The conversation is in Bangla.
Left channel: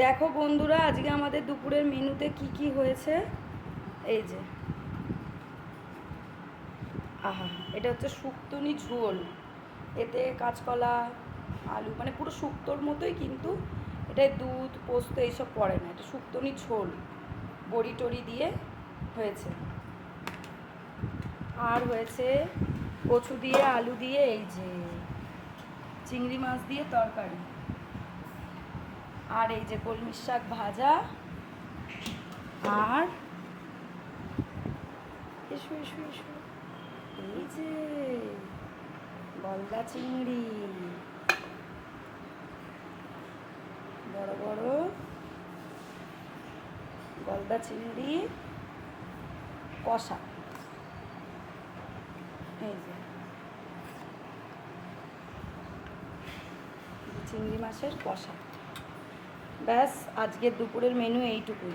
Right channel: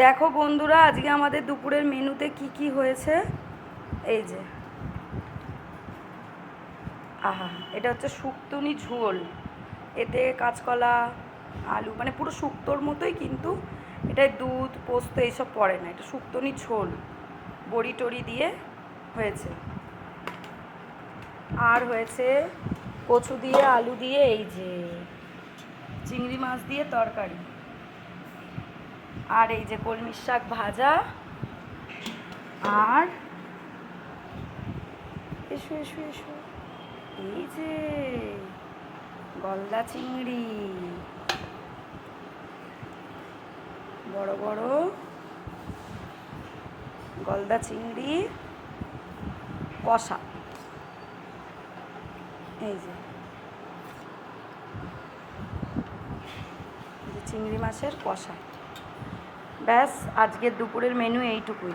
দেখো বন্ধুরা, আজকে আমাদের দুপুরের মেনুতে কি কি হয়েছে। এই যে আহা, এটা হচ্ছে শুক্তনি ঝোল। এতে কাঁচকলা, আলু, মানে পুরো শুক্তোর মতোই, কিন্তু এটায় দুধ পোস্ত এইসব পড়ে না। এটা শুক্তনি ঝোল বড়ি টড়ি দিয়ে হয়েছে। আর হয়েছে কচু দিয়ে আলু দিয়ে এই যে চিংড়ি মাছ দিয়ে তরকারি। আর এই যে কলমির শাক ভাজা। আর এসো এসো এসো, এই যে গলদা চিংড়ি, বড় বড় গলদা চিংড়ি কষা। এই যে চিংড়ি মাছের কষা। ব্যাস, আজকের দুপুরের মেনু এইটুকুই।